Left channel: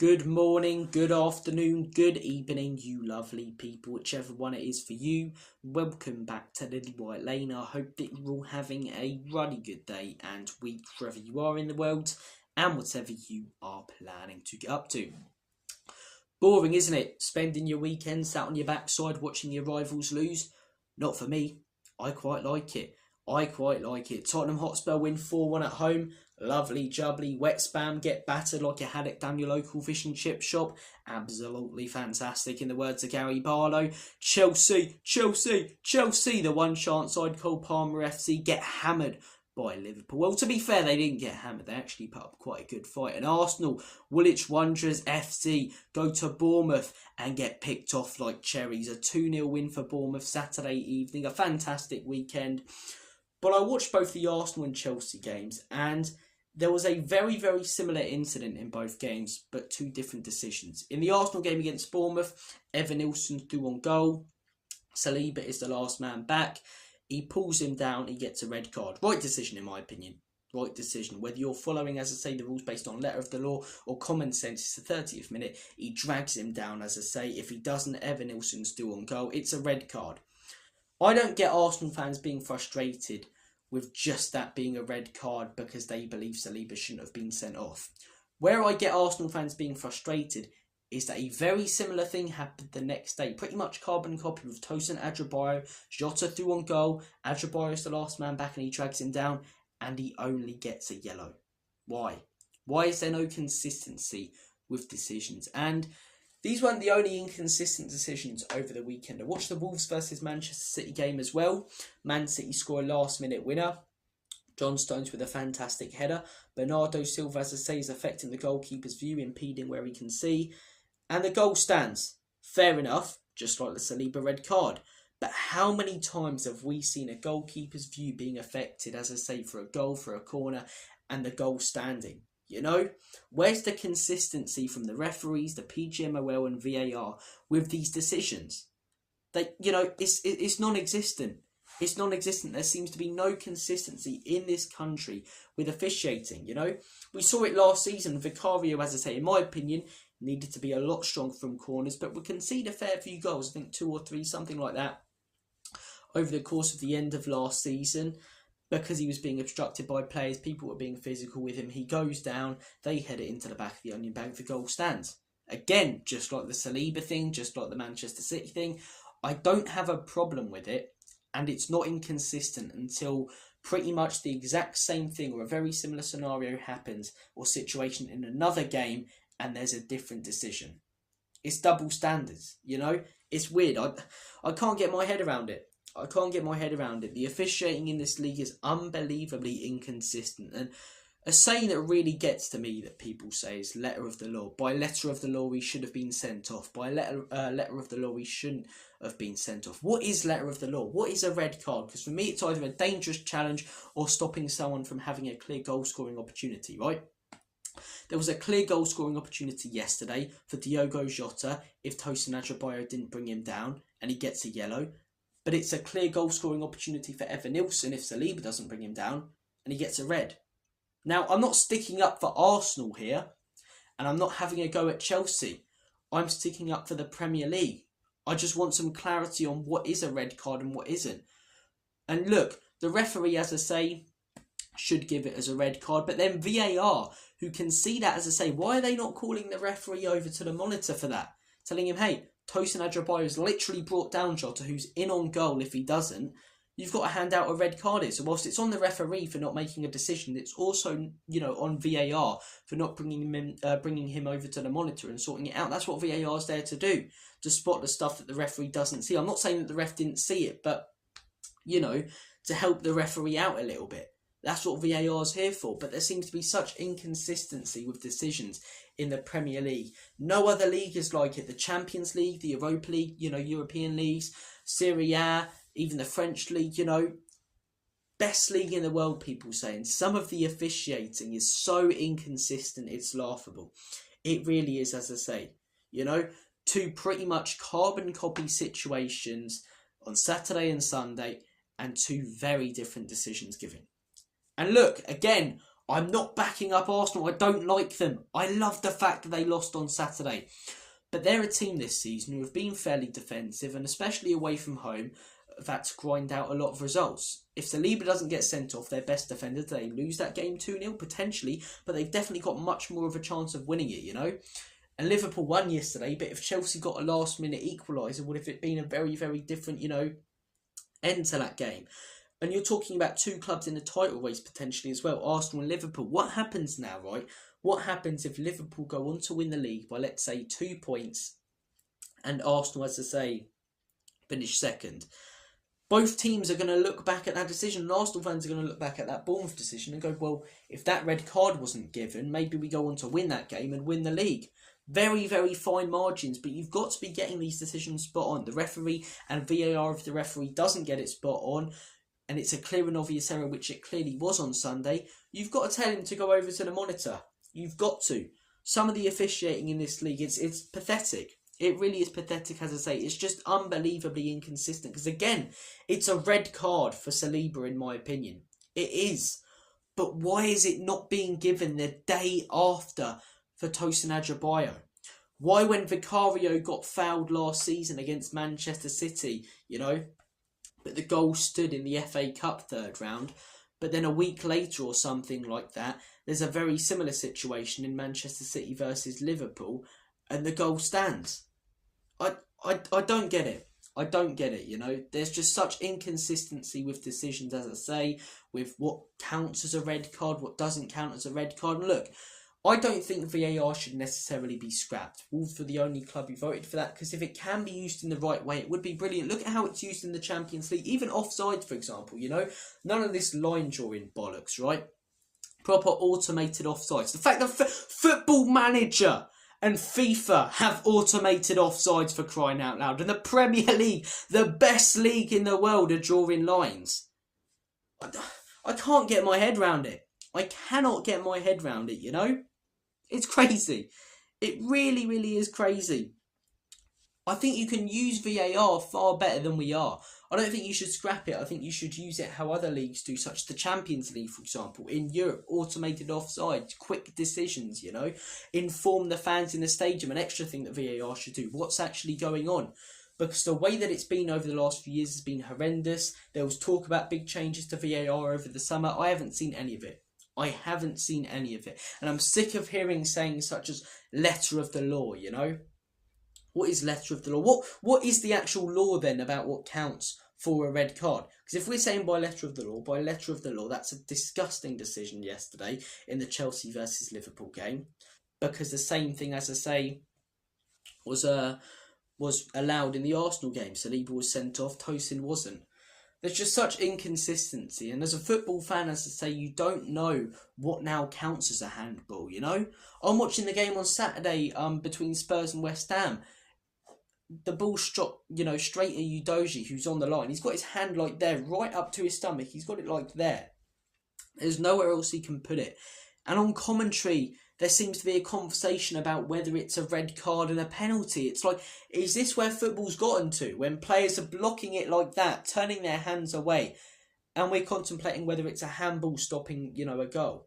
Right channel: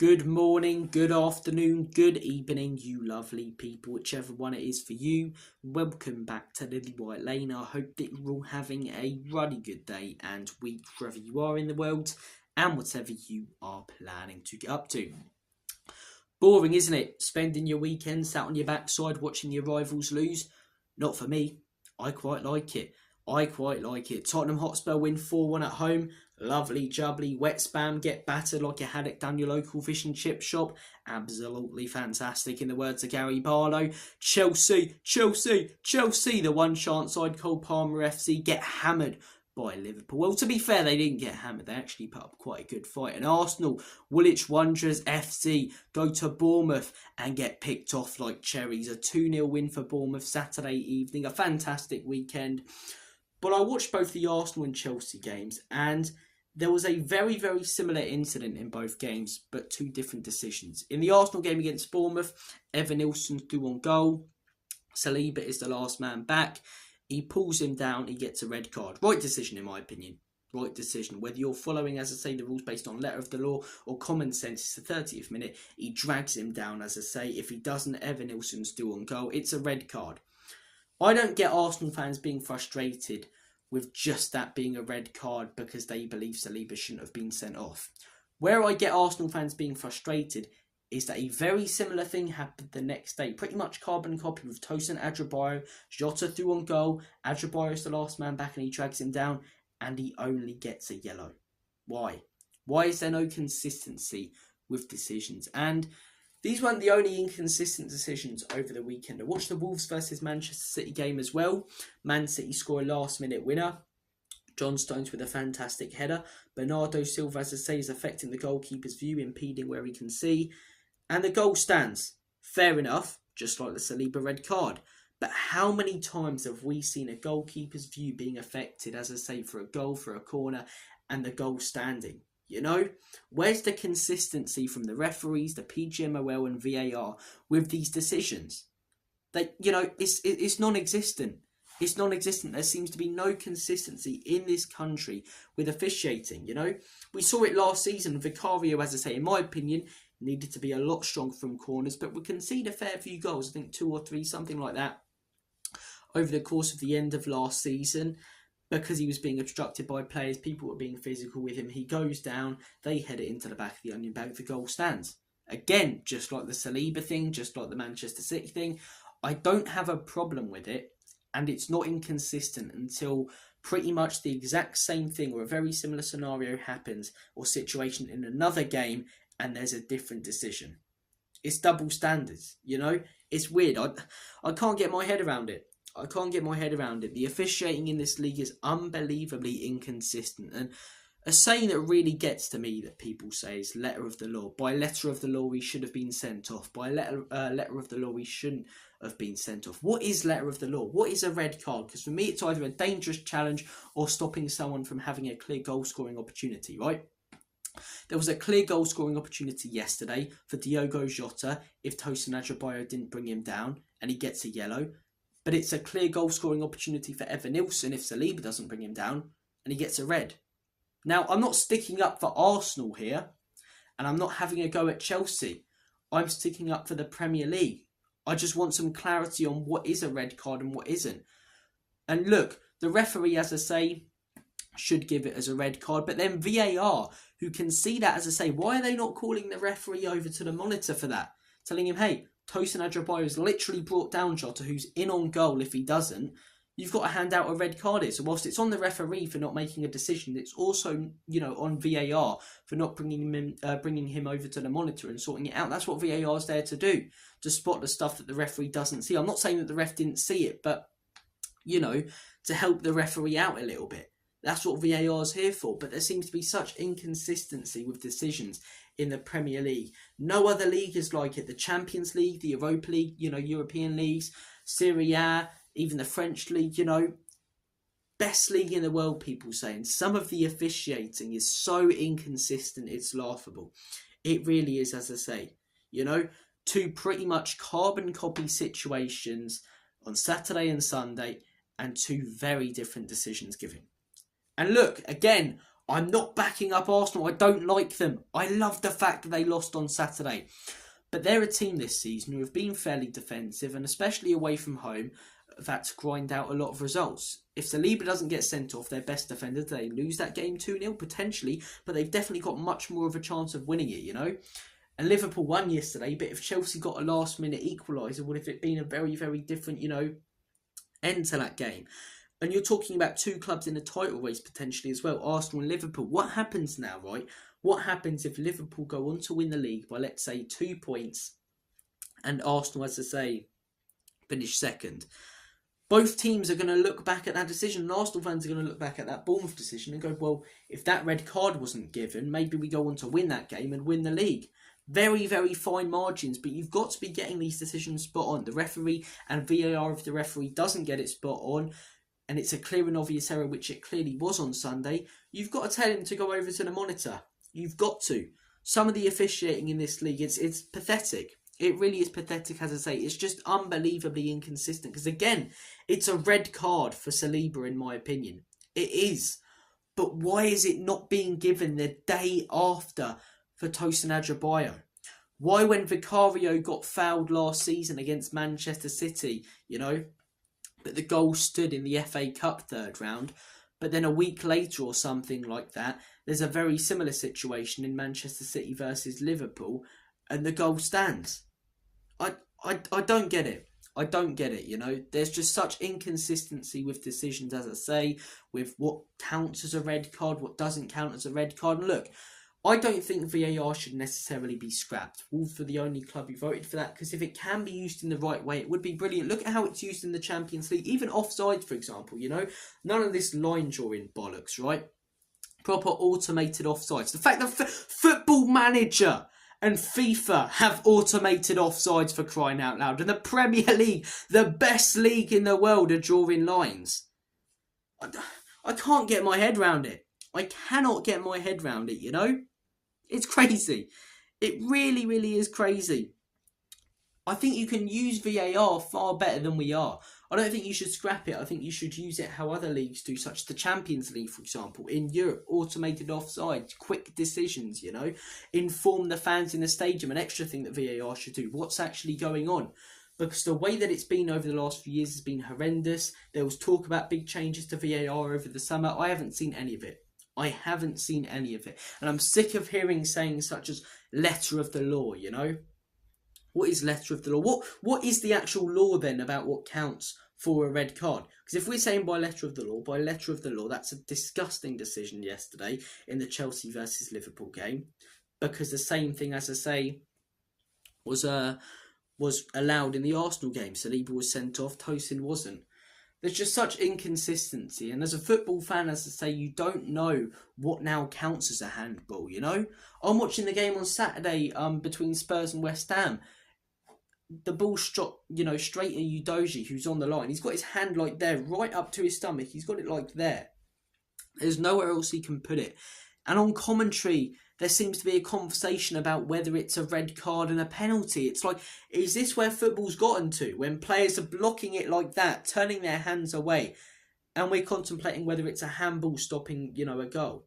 Good morning, good afternoon, good evening, you lovely people, whichever one it is for you. Welcome back to Lilywhite Lane. I hope that you're all having a really good day and week wherever you are in the world and whatever you are planning to get up to. Boring, isn't it? Spending your weekend sat on your backside watching your rivals lose? Not for me. I quite like it. Tottenham Hotspur win 4-1 at home. Lovely, jubbly, wet spam, get battered like a haddock down your local fish and chip shop. Absolutely fantastic in the words of Gary Barlow. Chelsea, the one chance side Cole Palmer FC get hammered by Liverpool. Well, to be fair, they didn't get hammered. They actually put up quite a good fight. And Arsenal, Woolwich Wanderers FC go to Bournemouth and get picked off like cherries. A 2-0 win for Bournemouth Saturday evening. A fantastic weekend. But I watched both the Arsenal and Chelsea games, and there was a very, very similar incident in both games, but two different decisions. In the Arsenal game against Bournemouth, Evanilson threw on goal. Saliba is the last man back. He pulls him down. He gets a red card. Right decision, in my opinion. Right decision. Whether you're following, as I say, the rules based on letter of the law or common sense, it's the 30th minute. He drags him down, as I say. If he doesn't, Evanilson's due on goal. It's a red card. I don't get Arsenal fans being frustrated with just that being a red card because they believe Saliba shouldn't have been sent off. Where I get Arsenal fans being frustrated is that a very similar thing happened the next day. Pretty much carbon copy with Tosin Adebayo. Jota threw on goal. Adebayo is the last man back and he drags him down and he only gets a yellow. Why? Why is there no consistency with decisions? And these weren't the only inconsistent decisions over the weekend. I watched the Wolves versus Manchester City game as well. Man City score a last-minute winner. John Stones with a fantastic header. Bernardo Silva, as I say, is affecting the goalkeeper's view, impeding where he can see. And the goal stands. Fair enough, just like the Saliba red card. But how many times have we seen a goalkeeper's view being affected, as I say, for a goal, for a corner, and the goal standing? You know, where's the consistency from the referees, the PGMOL and VAR with these decisions? It's non-existent. It's non-existent. There seems to be no consistency in this country with officiating, you know. We saw it last season. Vicario, as I say, in my opinion, needed to be a lot stronger from corners, but we concede a fair few goals, I think 2 or 3, something like that, over the course of the end of last season. Because he was being obstructed by players, people were being physical with him. He goes down, they head it into the back of the onion bag, the goal stands. Again, just like the Saliba thing, just like the Manchester City thing, I don't have a problem with it, and it's not inconsistent until pretty much the exact same thing or a very similar scenario happens or situation in another game and there's a different decision. It's double standards, you know? It's weird. I can't get my head around it. The officiating in this league is unbelievably inconsistent. And a saying that really gets to me that people say is letter of the law. By letter of the law, he should have been sent off. By letter of the law, he shouldn't have been sent off. What is letter of the law? What is a red card? Because for me, it's either a dangerous challenge or stopping someone from having a clear goal-scoring opportunity, right? There was a clear goal-scoring opportunity yesterday for Diogo Jota if Tosin Adebayo didn't bring him down and he gets a yellow. But it's a clear goal-scoring opportunity for Evanilson if Saliba doesn't bring him down and he gets a red. Now, I'm not sticking up for Arsenal here, and I'm not having a go at Chelsea. I'm sticking up for the Premier League. I just want some clarity on what is a red card and what isn't. And look, the referee, as I say, should give it as a red card, but then VAR, who can see that, as I say, why are they not calling the referee over to the monitor for that? Telling him, hey, Tosin Adebayo has literally brought down Jota, who's in on goal if he doesn't. You've got to hand out a red card here. So whilst it's on the referee for not making a decision, it's also, you know, on VAR for not bringing him over to the monitor and sorting it out. That's what VAR is there to do, to spot the stuff that the referee doesn't see. I'm not saying that the ref didn't see it, but, you know, to help the referee out a little bit. That's what VAR is here for. But there seems to be such inconsistency with decisions in the Premier League. No other league is like it. The Champions League, the Europa League, you know, European leagues, Serie A, even the French league, you know, best league in the world, people say. And some of the officiating is so inconsistent, it's laughable. It really is, as I say. You know, two pretty much carbon copy situations on Saturday and Sunday and two very different decisions given. And look, again, I'm not backing up Arsenal. I don't like them. I love the fact that they lost on Saturday. But they're a team this season who have been fairly defensive, and especially away from home, have had to grind out a lot of results. If Saliba doesn't get sent off, their best defender, they lose that game 2-0 potentially, but they've definitely got much more of a chance of winning it, you know? And Liverpool won yesterday, but if Chelsea got a last-minute equaliser, would have it been a very, very different, end to that game? And you're talking about two clubs in a title race potentially as well, Arsenal and Liverpool. What happens now, right? What happens if Liverpool go on to win the league by, let's say, 2 points and Arsenal, as I say, finish second? Both teams are going to look back at that decision, and Arsenal fans are going to look back at that Bournemouth decision and go, well, if that red card wasn't given, maybe we go on to win that game and win the league. Very, very fine margins, but you've got to be getting these decisions spot on. The referee and VAR, if the referee doesn't get it spot on, and it's a clear and obvious error, which it clearly was on Sunday, you've got to tell him to go over to the monitor. You've got to. Some of the officiating in this league, it's pathetic. It really is pathetic, as I say. It's just unbelievably inconsistent. Because again, it's a red card for Saliba, in my opinion. It is. But why is it not being given the day after for Tosin Adebayo? Why, when Vicario got fouled last season against Manchester City, but the goal stood in the FA Cup third round, but then a week later or something like that, there's a very similar situation in Manchester City versus Liverpool, and the goal stands. I don't get it. I don't get it, There's just such inconsistency with decisions, as I say, with what counts as a red card, what doesn't count as a red card. And look, I don't think VAR should necessarily be scrapped. Wolves were the only club who voted for that, because if it can be used in the right way, it would be brilliant. Look at how it's used in the Champions League, even offside, for example, None of this line drawing bollocks, right? Proper automated offsides. The fact that Football Manager and FIFA have automated offsides, for crying out loud. And the Premier League, the best league in the world, are drawing lines. I can't get my head around it. I cannot get my head around it, It's crazy. It really, really is crazy. I think you can use VAR far better than we are. I don't think you should scrap it. I think you should use it how other leagues do, such as the Champions League, for example. In Europe, automated offside, quick decisions, Inform the fans in the stadium. An extra thing that VAR should do. What's actually going on? Because the way that it's been over the last few years has been horrendous. There was talk about big changes to VAR over the summer. I haven't seen any of it. And I'm sick of hearing sayings such as letter of the law, What is letter of the law? What is the actual law then about what counts for a red card? Because if we're saying by letter of the law, that's a disgusting decision yesterday in the Chelsea versus Liverpool game. Because the same thing, as I say, was allowed in the Arsenal game. Saliba was sent off, Tosin wasn't. There's just such inconsistency, and as a football fan, as I say, you don't know what now counts as a handball, I'm watching the game on Saturday between Spurs and West Ham. The ball shot, straight at Udogie, who's on the line. He's got his hand like there, right up to his stomach. He's got it like there. There's nowhere else he can put it. And on commentary, there seems to be a conversation about whether it's a red card and a penalty. It's like, is this where football's gotten to? When players are blocking it like that, turning their hands away, and we're contemplating whether it's a handball stopping, a goal.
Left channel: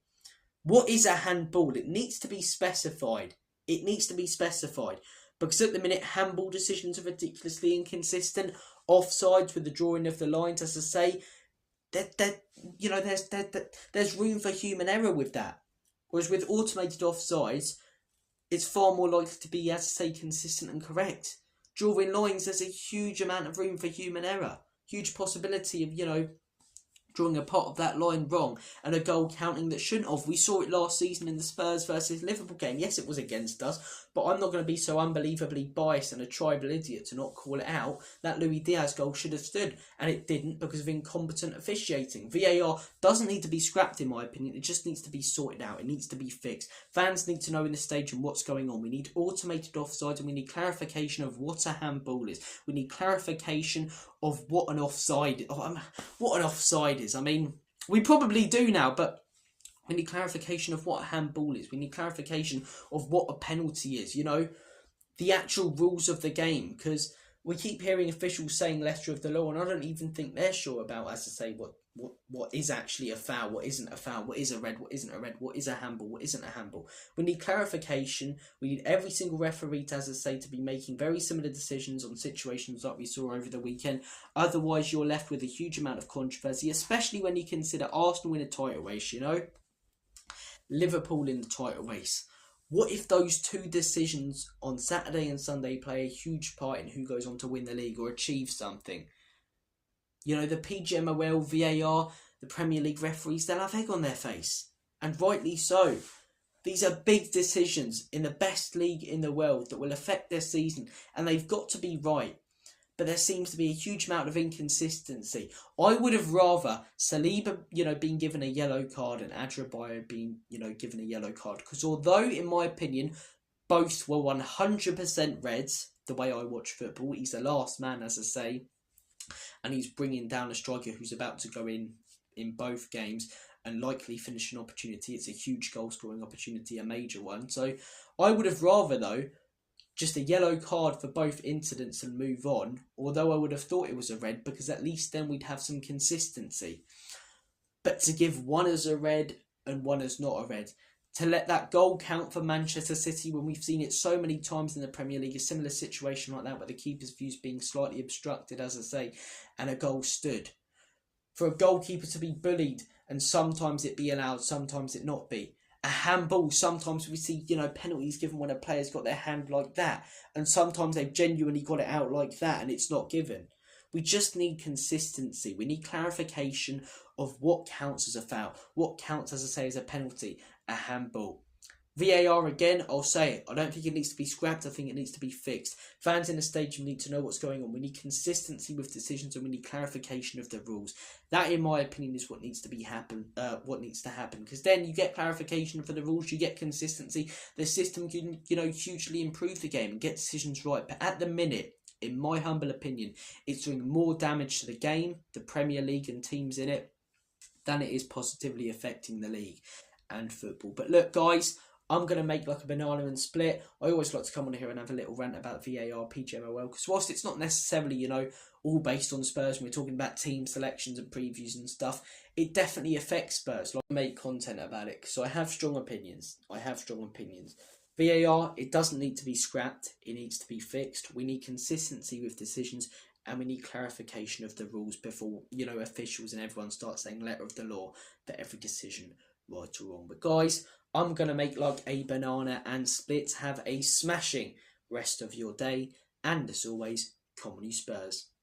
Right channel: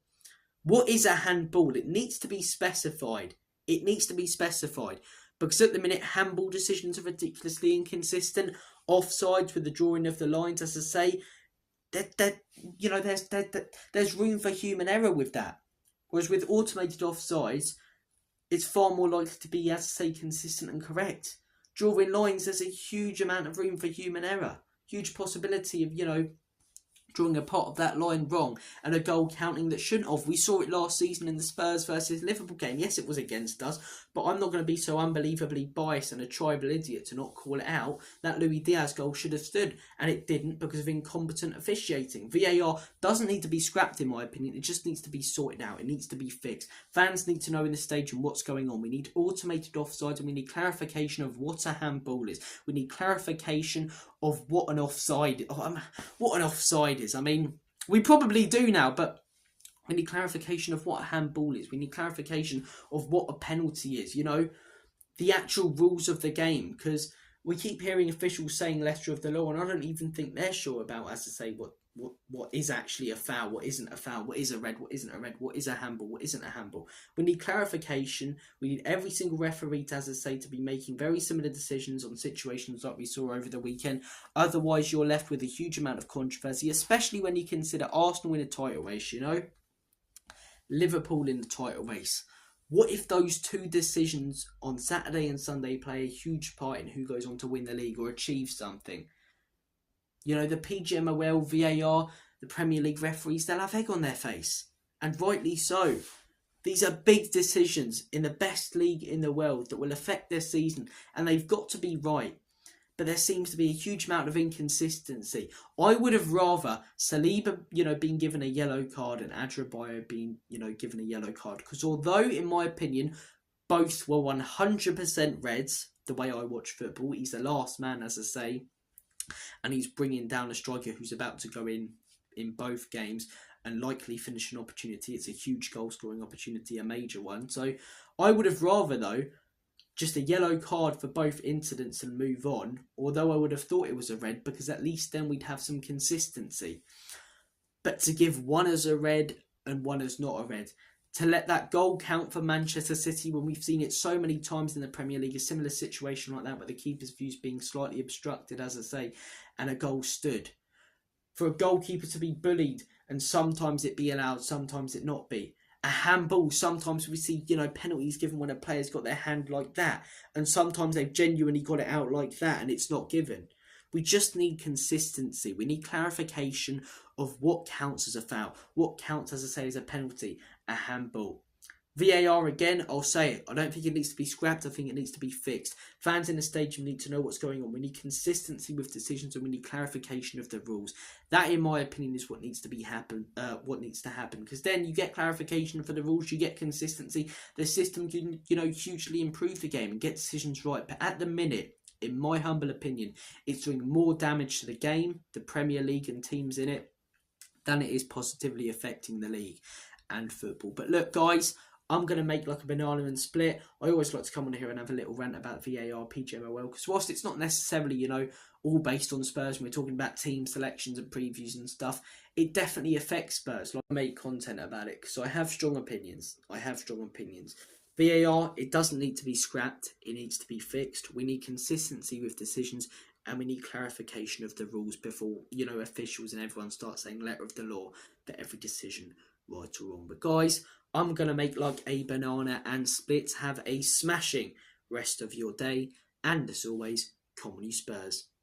What is a handball? It needs to be specified. Because at the minute, handball decisions are ridiculously inconsistent. Offsides with the drawing of the lines, as I say, there's room for human error with that. Whereas with automated offsides, it's far more likely to be, as I say, consistent and correct. Drawing lines, there's a huge amount of room for human error. Huge possibility of, drawing a part of that line wrong and a goal counting that shouldn't have. We saw it last season in the Spurs versus Liverpool game. Yes, it was against us, but I'm not going to be so unbelievably biased and a tribal idiot to not call it out. That Luis Diaz goal should have stood, and it didn't because of incompetent officiating. VAR doesn't need to be scrapped, in my opinion. It just needs to be sorted out. It needs to be fixed. Fans need to know in the stadium what's going on. We need automated offsides, and we need clarification of what a handball is. We need clarification of what an offside is. I mean, we probably do now, but we need clarification of what a handball is. We need clarification of what a penalty is, the actual rules of the game, because we keep hearing officials saying letter of the law, and I don't even think they're sure about, as I say, what is actually a foul, what isn't a foul, what is a red, what isn't a red, what is a handball, what isn't a handball. We need clarification. We need every single referee, as I say, to be making very similar decisions on situations like we saw over the weekend. Otherwise, you're left with a huge amount of controversy, especially when you consider Arsenal in a title race, Liverpool in the title race. What if those two decisions on Saturday and Sunday play a huge part in who goes on to win the league or achieve something? The PGMOL, VAR, the Premier League referees, they'll have egg on their face. And rightly so. These are big decisions in the best league in the world that will affect their season, and they've got to be right. But there seems to be a huge amount of inconsistency. I would have rather Saliba, being given a yellow card and Adrabayo being, given a yellow card. Because although, in my opinion, both were 100% reds, the way I watch football, he's the last man, as I say, and he's bringing down a striker who's about to go in both games and likely finish an opportunity. It's a huge goal scoring opportunity, a major one. So I would have rather, though, just a yellow card for both incidents and move on, although I would have thought it was a red, because at least then we'd have some consistency. But to give one as a red and one as not a red, to let that goal count for Manchester City when we've seen it so many times in the Premier League, a similar situation like that where the keeper's views being slightly obstructed, as I say, and a goal stood. For a goalkeeper to be bullied and sometimes it be allowed, sometimes it not be. A handball, sometimes we see, penalties given when a player's got their hand like that, and sometimes they've genuinely got it out like that and it's not given. We just need consistency. We need clarification of what counts as a foul, what counts, as I say, as a penalty, a handball. VAR, again, I'll say it. I don't think it needs to be scrapped. I think it needs to be fixed. Fans in the stadium need to know what's going on. We need consistency with decisions and we need clarification of the rules. That, in my opinion, is what needs to happen. Because then you get clarification for the rules, you get consistency. The system can, hugely improve the game and get decisions right. But at the minute, in my humble opinion, it's doing more damage to the game, the Premier League and teams in it, than it is positively affecting the league and football. But look, guys, I'm going to make like a banana and split. I always like to come on here and have a little rant about VAR, PGMOL, because whilst it's not necessarily, all based on Spurs when we're talking about team selections and previews and stuff, it definitely affects Spurs. Like, I make content about it, so I have strong opinions. VAR, it doesn't need to be scrapped. It needs to be fixed. We need consistency with decisions and we need clarification of the rules before, officials and everyone start saying letter of the law for every decision, right or wrong. But guys, I'm going to make like a banana and split. Have a smashing rest of your day. And as always, come on you Spurs.